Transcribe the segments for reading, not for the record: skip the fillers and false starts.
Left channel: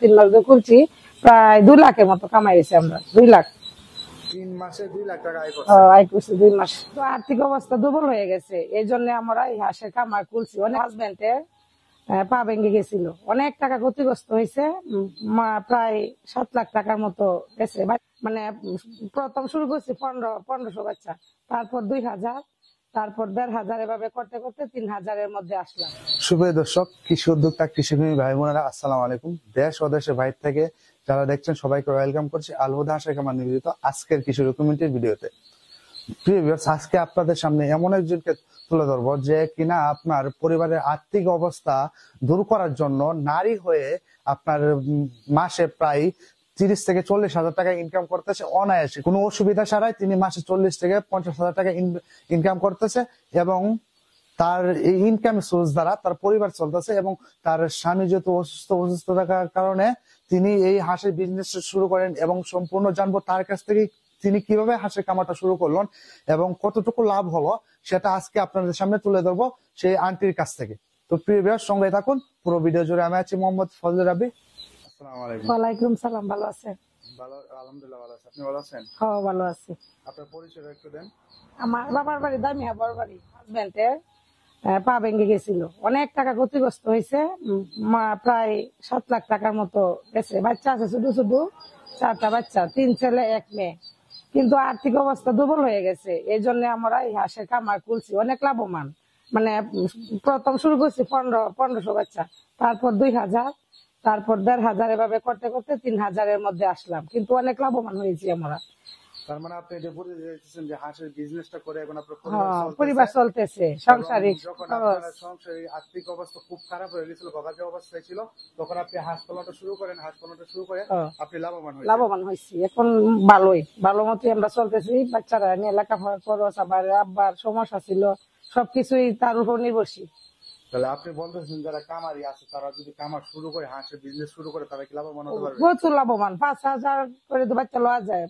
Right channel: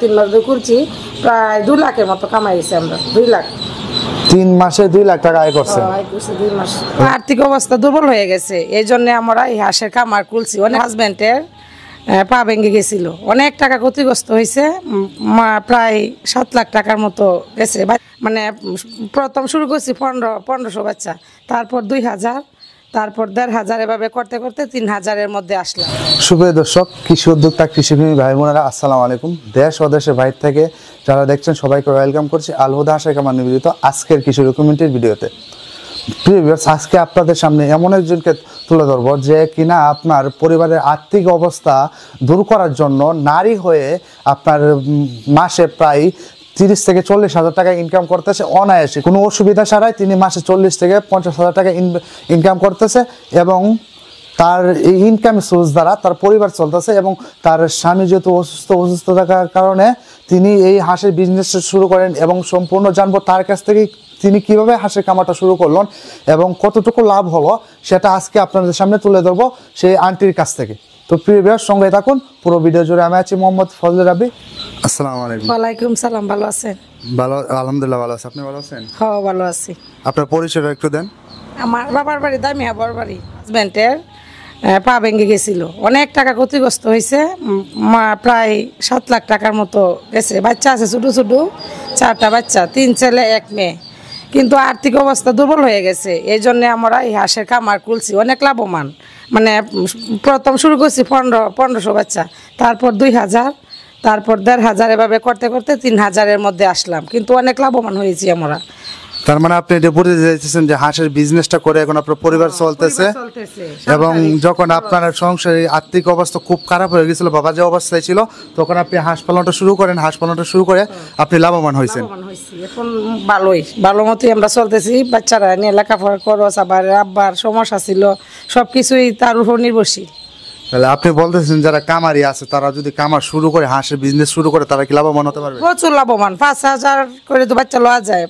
3 মাস ধরে করছি, প্রায় 2 লাখের মতো কামাইছি আমরা। 2 লাখ 3 মাসে 2 লাখ টাকা আয় করছেন। আয় করছি 2 মাস। আর্থিক অবস্থা দুর্বল হয়ে গেছে, এই জন্য আমরা এই হাঁসের খামার খুলছি। অনেক হাজবেন্ডের পা ভেঙে গেছিল, অনেক টাকা ক্ষতিগ্রস্ত হয়েছে, প্রায় 7 লাখ টাকার মতো গেছে। মানে প্রথম শুরু করছি 1500 বাচ্চা, তারপর 2000, তারপর 1500, এভাবে করতে করতে 3000-এর মধ্যে আসলাম। সুপ্রিয় দর্শক, কৃষি উদ্যোক্তা কৃষিপ্রেমী ভাই বোনেরা, আসসালামু আলাইকুম। দেশ ও দেশের বাইরে থেকে যারা দেখছেন সবাইকে ওয়েলকাম করছি আল হুদা হাঁসের খামার নিবেদিত আজকের কৃষি ডকুমেন্টারি ভিডিওতে। প্রিয় ভিউয়ার্স, আজকে আপনাদের সামনে এমন একজনকে তুলে ধরবো যে কিনা আপনার পরিবারের আর্থিক অবস্থা দূর করার জন্য নারী হয়ে আপনার মাসে প্রায় 30 থেকে 40 হাজার টাকা ইনকাম করতেছে অনায়াসে, কোনো অসুবিধা ছাড়াই। তিনি মাসে 40 থেকে 50 হাজার টাকা ইনকাম করতেছে এবং তার এই ইনকাম সোর্স দ্বারা তার পরিবার চলতেছে। এবং তার স্বামী যেহেতু অসুস্থ থাকার কারণে তিনি এই হাঁসের বিজনেস শুরু করেন এবং সম্পূর্ণ জানবো তার কাছ থেকে তিনি কিভাবে হাঁসের খামারটা শুরু করলেন এবং কতটুকু লাভ হলো সেটা আজকে আপনাদের সামনে তুলে ধরবো সেই আন্টির কাছ থেকে। তো প্রিয় ভিউয়ার্স, সঙ্গে থাকুন পুরো ভিডিও জুড়ে। আমি আছি মোহাম্মদ ফজলে রাব্বি। আসসালামু আলাইকুম। ওয়ালাইকুম সালাম। ভালো আছেন? ভালো, আলহামদুলিল্লাহ ভালো আছি। আপনি ভালো আছেন? হ্যাঁ, ভালো আছি। আপনার পরিচয়টা একটু দেন। আমার বাবার বাড়ি দামিয়া বাড়ি। হাজবেন্ডের পা ভেঙে গেছিল, অনেক টাকা ক্ষতিগ্রস্ত হয়েছে, প্রায় 7 লাখ টাকার মতো গেছে। বাচ্চা আছে ছোটো ছোটো, 4টা বাচ্চা, 3 ছেলে 1 মেয়ে। কিন্তু আর্থিক অবস্থা দুর্বল হয়ে গেছে, এই জন্য আমরা এই হাঁসের খামার খুলছি। অনেক লাভবান, মানে প্রথম শুরু করছি 1500 বাচ্চা, তারপর 2000, তারপর 1500, এভাবে করতে করতে 3000-এর মধ্যে আসলাম। কিন্তু অনেক লাভবান হয়েছি আমরা। তার মানে আপনি এটা বলতে চাইছেন যে হাঁসের বিজনেসটা করে এখন আপনার পরিবার চলতেছে এবং যখন আপনার সংসারে আর্থিক অবস্থা খুব খারাপ হয়ে গেছিল, বাবা যে অবস্থায় ছিল, তখন আপনি হাঁস পালনটা শুরু করেন। হাঁস পালনটা শুরু করে আপনি লাভবান হয়েছেন। এখন ভালো মতোই আমরা চলতেছি। বাচ্চারা নিয়ে লেখাপড়া খরচ, আবার আব্বার সমস্যা ছিল, সবকিছুই তার উপর নির্ভরশীল। তাহলে আপনি বলতেছেন যারা কামারি আছে তারা যদি কামার শুরু করে, হাঁসের বিজনেস শুরু করে, তারা কি লাভবান হতে পারবে? প্রচুর লাভবান। 5000 করে তো বাচ্চা লওয়া যায়,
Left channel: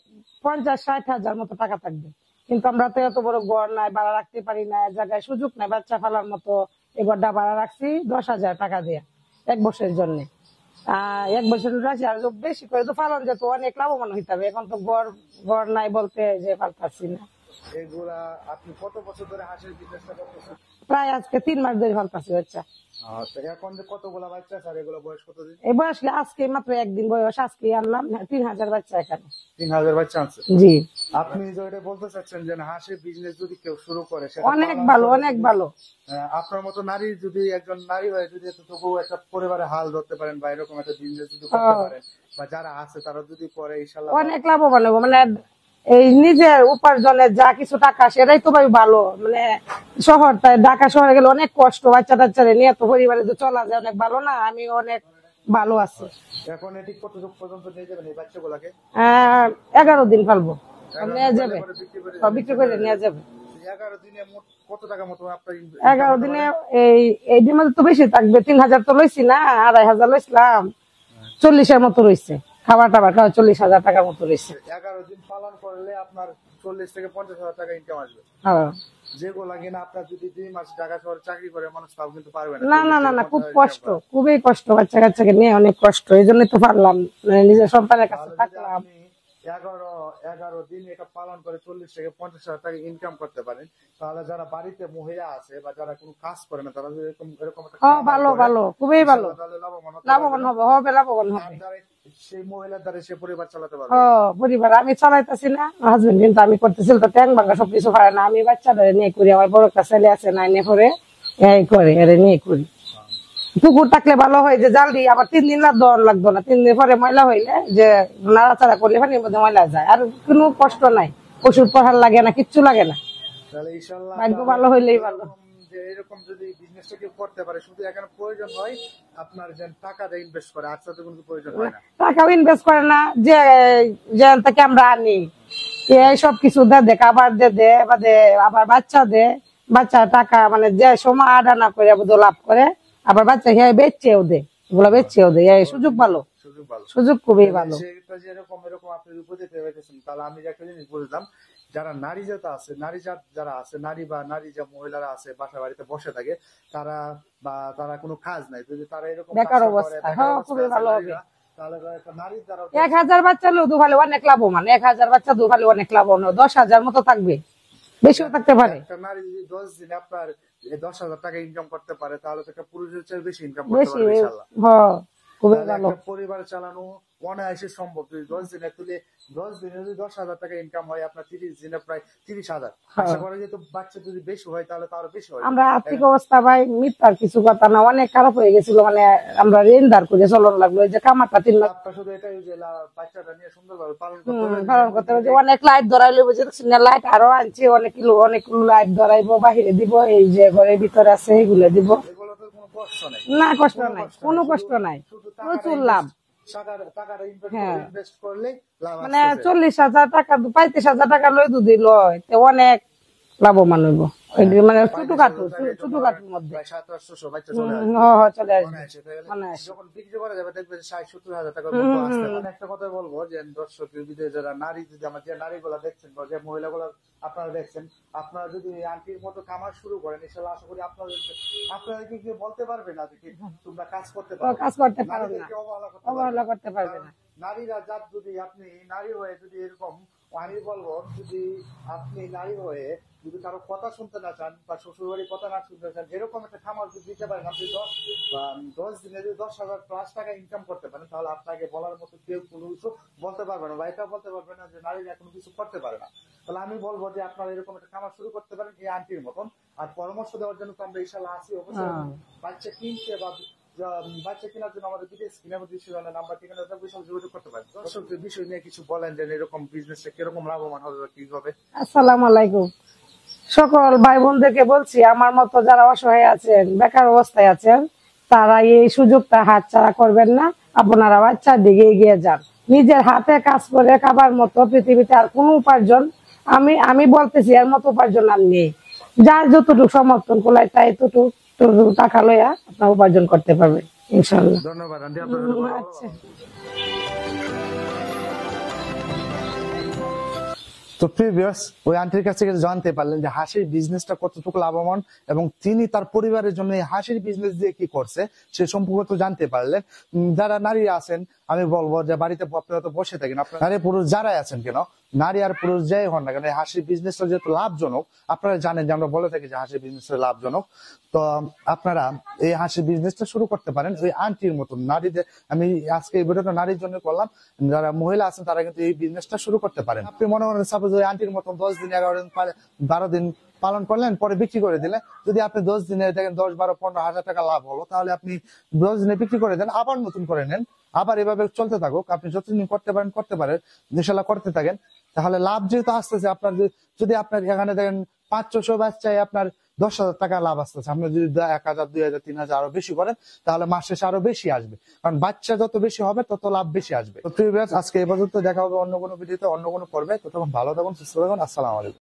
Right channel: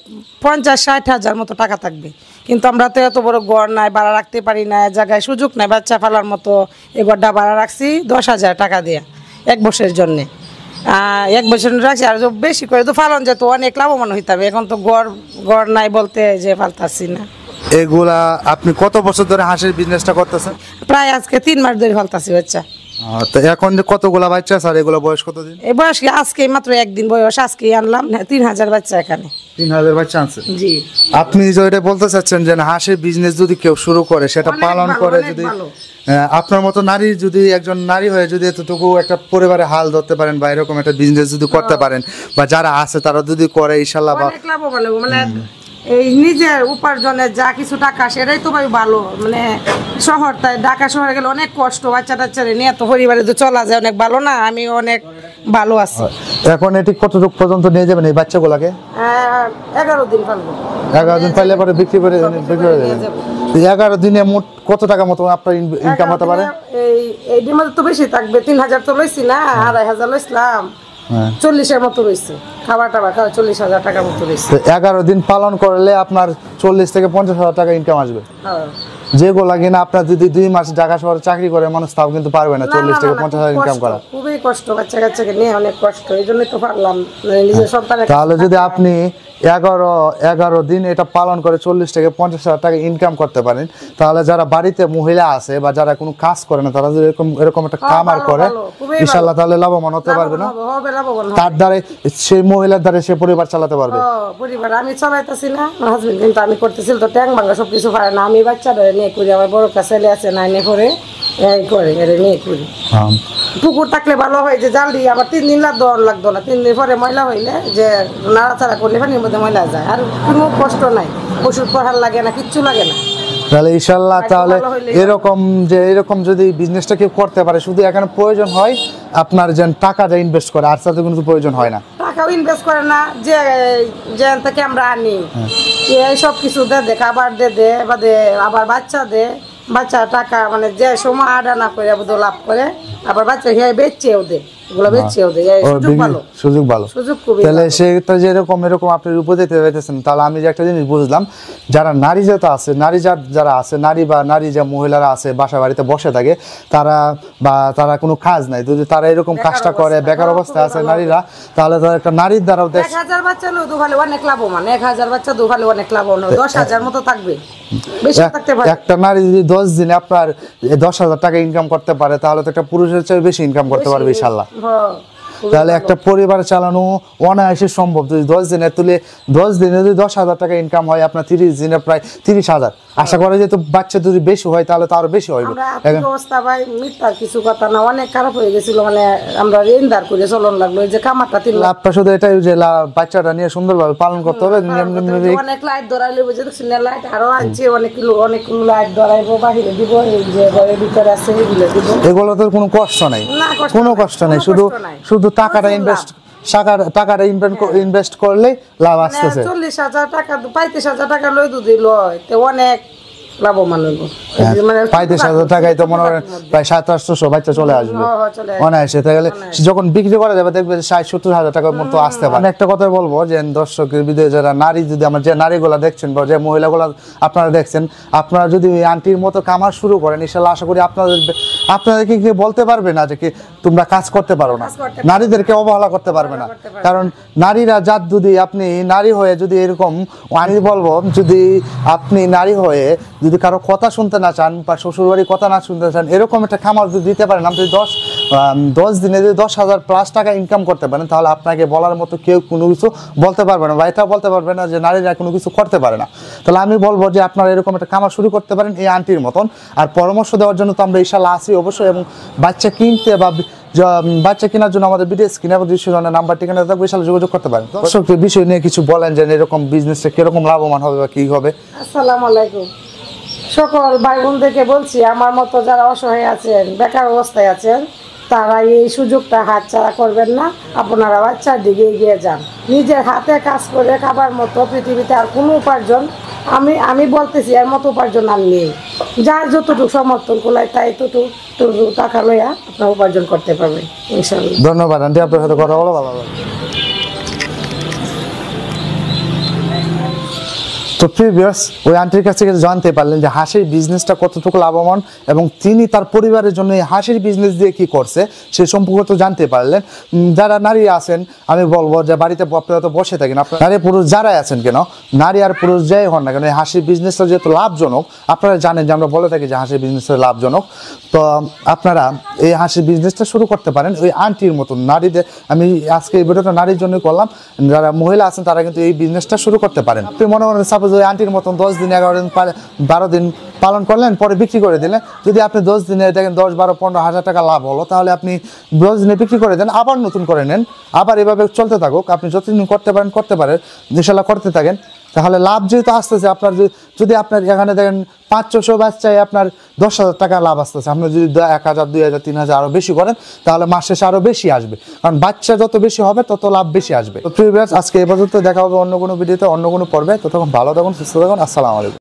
50-60 হাজার মতো টাকা থাকবে। কিন্তু আমরা তো এত বড় ঘর নাই, ভাড়া রাখতে পারি না, জায়গায় সুযোগ নাই বাচ্চা ফেলার মতো। এই ঘরটা ভাড়া রাখছি 10,000 টাকা দিয়ে 1 বছরের জন্যে। 1 বছর রাখছি, আর বেশি করে তো ফালন যেত অনেক লাভবান হইতে হবে। এখন তো ঘর নাই বলতে যে ফালতাছি না। এগুলা আপনি কত বছর ধরে হাঁসের বিজনেসটা করতেছেন? প্রায় আজকে 3 মাস ধরে ফালতাছি বাচ্চা। তো এখন যে কতগুলা বাচ্চা স্যার, এগুলো বয়স কতদিন? এই বয়স আজকে মাত্র 1 দিন বয়স, আজকে আনলাম। 3000 বাচ্চা এখানে। 3000 বাচ্চা আছে? জি। আপনি যে এটা বলতে চাচ্ছেন যে হাঁসের বিজনেস যদি কেউ শুরু করে, সেটা পালন করে, যদি আপনার মতো নারী, যদি একজন নারী হয়ে যদি এতটুকু একটা পরিবারে হাল ধরতে পারেন বা এরকম একটা বিজনেস যদি করতে পারেন, বা যারা আছে তারা যদি করে, ইনশাআল্লাহ অনেক লাভবান হবে। মানে এই নিজের উপার্জনের যা কিছু টাকা, সেটাই তো ভাই ভালো। মানে শহর, তাই ঢাকা শহরে গেলে অনেক কষ্ট, বাচ্চা টাচ্চারে নিয়ে তো পরিবারে তো চলা যায়, অনেক ভালো না। আমি অনেক ভালো আছি। এখন এটি কতটুকু পর্যন্ত নিয়ে যাবেন এই বাচ্চাগুলোকে? 11 দিন পালবো। 11 দিন পাইলে পরে বিক্রি করে 11 দিনে মোট কত টাকা মতো আপনার ইনকাম হতে পারে? এই ডিমান্ড তো বেশি থাকবে। 3000 তো লইছি না, 2500 লইছিলাম, 40-এর মতো রয়েছে। খাবার টাবার খাওয়া 40,000 টাকার মতো রয়েছে। 11 দিন পালন করলে আপনার 40 থেকে 50,000 টাকা ইনকাম আসবে। যেগুলা কিনা আপনার যদি 2 মাস ঢাকা শহরে চাকরি করে মানুষ, তাও কিন্তু পারবে না 40 থেকে 50,000 ইনকাম করা। খুবই কষ্ট, বাচ্চা কাচ্চাকে নিয়ে অনেক কষ্ট। এই জন্যই তো পারলাম নিজের সন্তানের। তাহলে যদি আপনি 11 দিন এটা পালন করে 40 থেকে 50,000 টাকা ইনকাম করতে পারেন, তাহলে যারা বাড়িতে মহিলা আছে বা যারা কোনো কাজ করে না, তারা যদি এরকম একটা খামার করে, ইনশাআল্লাহ তাহলে লাভবান হতে পারবে না? তার দ্বারা, সেই মহিলার দ্বারা সে পরিবার চালাতে পারবে। পরিবার আমি চালাইতেছি না, হাজবেন্ড কিন্তু আমি করতেছি তো ট্যাং ভাঙা সবকিছু পারে না। আমি বাচ্চাটা নিয়ে করি, আমার বড় কাছে ছেলে আছে 9-এ পড়ে, এই করে এর নিয়ে করি। পুকুর থাকলে ভালো হয়, যে জাল দিই আবার 3 দিন লাগতো না। 3 দিন পরে ময়লা হইলে যে নাড়াচাড়া করলে পানির মধ্যে ময়লা যায়, আর কোনো কষ্ট নাই, ওষুধ পড়ার লাগে না, কিচ্ছু লাগে না। তাহলে ইনশাআল্লাহ, তাহলে এরকম যদি বিজনেসটা কেউ করতে পারে, শুধু এখানে প্রয়োজন হয় আপনার যেন টাকাটা ইনভেস্ট করে, আর সাথে কোনো প্রয়োজন হয় না। টাকাও ইনভেস্ট করে না, যে থেকে আমরা আনি এই সব কিছু দে, খাবার দে, বাদে আবার বাচ্চা টাকা, মানে যে সময় আডা না করে লাভ করে, আবার বাচ্চা খেয়ে বেচছেও দে। এগুলো বেচেও দেয়, এই সুযোগ ভালো, সুযোগ ভালো। সুযোগ খুবই তাহলে ভালো। সেটা যেরকম এরকম আপনি উপদেশ পেতেছেন, তাহলে আমি যে একটা জিনিস বুঝলাম, যারা নারী জাত আছে, যারা আছে, নারী যে মহিলারা আছে বাসা বাড়িতে বসে থাকে, তারা কোনো কাজ নাই, যদি তারা এরকম কাজটা করে, বেকার অবস্থায় আছে নারীরা, তাহলে তারা একটা নারীর দ্বারাও 1000 বাচ্চা দুভালে অনেক লাভবান, 1000 বাচ্চা দুভালে অনেক লাভবান, 10,000 মতো থাকবে, বেশি থাকতে পারে। একটা নারী যদি 10 দিনে আপনার 10,000 টাকা ইনকাম করতে পারে, তাহলে তো একটা পুরুষের চেয়ে বেশি ইনকাম করতে পারবে ইনশাআল্লাহ। হ্যাঁ, তাহলে একটা পরিবার চালানো অনায়াসে সম্ভব। যদি 10 দিনে তুলে 10 দিনে যদি 10,000 টাকা ইনকাম হয়, আপনার 30 দিনে প্রায় 30,000। আশা করা যায় তো বাচ্চা যদি বেশি হয় তাহলে তো আরো বেশি হয়। আমরা আর্থিক অবস্থা ভাই মিথ্যা কিছু কথা না, অনেক খারাপ হয়ে গেছিল, মানে আমরা ঋণ ধার করে চলন লাগলো, যে কামারটা 3 লাখ। লাভটা শুধু এটাই যে বাচ্চাটা নিয়ে সুন্দরভাবে পালন করতে হবে। অনেক লাইট ধরাইলে বুঝে দেখছি না, লাইট আরো আছে অনেকগুলো লাইট ধরাইবো, বাহিরে দিব, এই যে ঘরের ভিতরে আছে এগুলো দিব। এগুলো তো কোনো কষ্ট নাই, কোনো কষ্ট নাই, শুধু টাকাটা ইনভেস্ট করলে লাভ আসতেছে। 40,000 টাকা 35,000 টাকা লই দুধ লয়, তো অনেক লাভবান হইব। 35,000 টাকায় তো মনে করেন প্রায় 700-800 বাচ্চা চলে আসবে অনায়াসে। তাহলে যখন বিক্রি করা যাবে দেখবে 60-70,000 টাকার মতো আসতে পারে। আমি একটা কথা বলবো যে দর্শকের বিদেশে যারা নারী, যদি আমার যে নারীগুলা দেখছেন বা যে মহিলাগুলা আপনারা দেখছেন, আপনারা যদি আন্টির মতো কামার শুরু করেন, ইনশাআল্লাহ আশা করি আপনাদেরকে কি বলতে পারবে না যে কি তোমরা কাজ করতে পারো না, নারীদেরকে অবহেলা করতে পারবে না। কারণ নারীরা জাত, যদি আপনি নারী হয়ে যদি এরকম, আমি বলবো যদি আপনি নারী হয়ে যদি কারো কথা শুনতে না চান বা শ্বশুরবাড়ির কথা না শুনতে চান, এরকম একটা খামার যদি দিতে পারেন, আপনি 10 দিনে যদি 10,000 প্লাস টাকা ইনকাম করতে পারেন, তাহলে আপনাকে বলার মতো কেউ কোনো কিছু বলতে পারবে না, বা এটা বলতে পারবে না যে নারীরা কোনো কিছু করতে পারে না। তাহলে আমি বলবো যে আপনারা এরকম একটা খামার শুরু করতে পারেন এই আন্টির মতন। আর পরামর্শ দেওয়ার জন্য তো আমরা ইনশাআল্লাহ আছি অবশ্যই, এবং বাচ্চা কিনতে বা বাচ্চা কেনার জন্য আমাদের ভিডিও স্ক্রিনে বা ডিসক্রিপশনে নাম্বার ঠিকানা থাকবে, ইনশাআল্লাহ যোগাযোগ করতে পারেন। দর্শকদের বিষয় নিয়ে কিছু বলেন যে এরকম বিজনেসটা কিরকম লাভবান হবে বা কি হবে। আসসালামু আলাইকুম সকল ভাই বোনদেরকে বলছি, আমার মতো যারা অসহায় আছেন, বেকার অবস্থায় আছেন, তারা এই সুযোগটা হাতছাড়া করবেন না। আপনারা বাচ্চার দিকে এগিয়ে যান, নিজের হাতে কাজ করে খাবার মতো পৃথিবীতে আর কোনো উপার্জন আমি বলতেছি এর মতো উপার্জন আর নেই। যার যতটুকু সমর্থন কোলায় তাই ততটুকু টাকা লইয়া আপনার উপার্জন করতে পারবে ইনশাআল্লাহ। ধন্যবাদ আন্টি, আপনার সাথে কথা বলো ভালো লাগলো। তো প্রিভিয়াস ওই আন্টির কাছ থেকে জানতে পারলেন যে হাঁসের বিজনেসটা কতটুকু লাভবান, এবং তিনি তার পরিবারের জন্য এই হাঁসের বিজনেস দিয়ে কি করছে সে সম্পর্কে তো জানতে পারলেন। যারা নারী আছেন, আমি বলবো যে বাড়িতে আপনারা তো বসে থাকেন, আপনার নারী পুরুষ যারাই আছেন কেন, নারী আর পুরুষ যাই হন না কেন, এই হাঁসের বিজনেসটা যেহেতু লাভজনক, আপনারা জানেন যে আমরা বলে থাকি যে হাঁসের বিজনেসটা লাভজনক, তো আপনারা এই হাঁসের বিজনেসটা শুরু করতে পারেন ওই আন্টির মতন। নারীদের আমি আজকে এই ভিডিওটা নারীর জন্য করলাম, যারা মহিলা আছেন তারা কিন্তু এই বিজনেসটা শুরু করতে পারেন। আপনি মনে করেন সাপোজ ওই আন্টির মতন 10 দিন 11 দিন 12 দিন পালন করলেন, পরে বিক্রি করে দিলেন। যদি আপনি 10 দিনে দেখেন 10-12-15 হাজার টাকা লাভ হলো, তাহলে আপনি 10 দিনে বিক্রি করে দেন, আবার নতুন করে নেন, আবার এভাবে চলতে থাকুক। আপনি যতদিন করতে পারেন ইনশাআল্লাহ করতে থাকেন, তাহলে লাভ যেহেতু আসতেছে আপনার। যদি আপনার এখানে দেখেন 500 বাচ্চায় আপনার 10,000 টাকা লাভ আসতেছে, আপনি যদি 1,000, 2,000, 3,000 আরো বেশি করেন, তাহলে মাস শেষে আরো বেশি আসবে, কারণ বাচ্চা যত বেশি হবে তত লাভ বেশি আসবে। তো প্রিভিয়াস আজকে এ পর্যন্ত, দেখা হবে অন্য কোনো ভিডিওতে, অন্য কোনো পর্বে। ততক্ষণ ভালো থাকুন, সুস্থ থাকুন, আসসালামু আলাইকুম।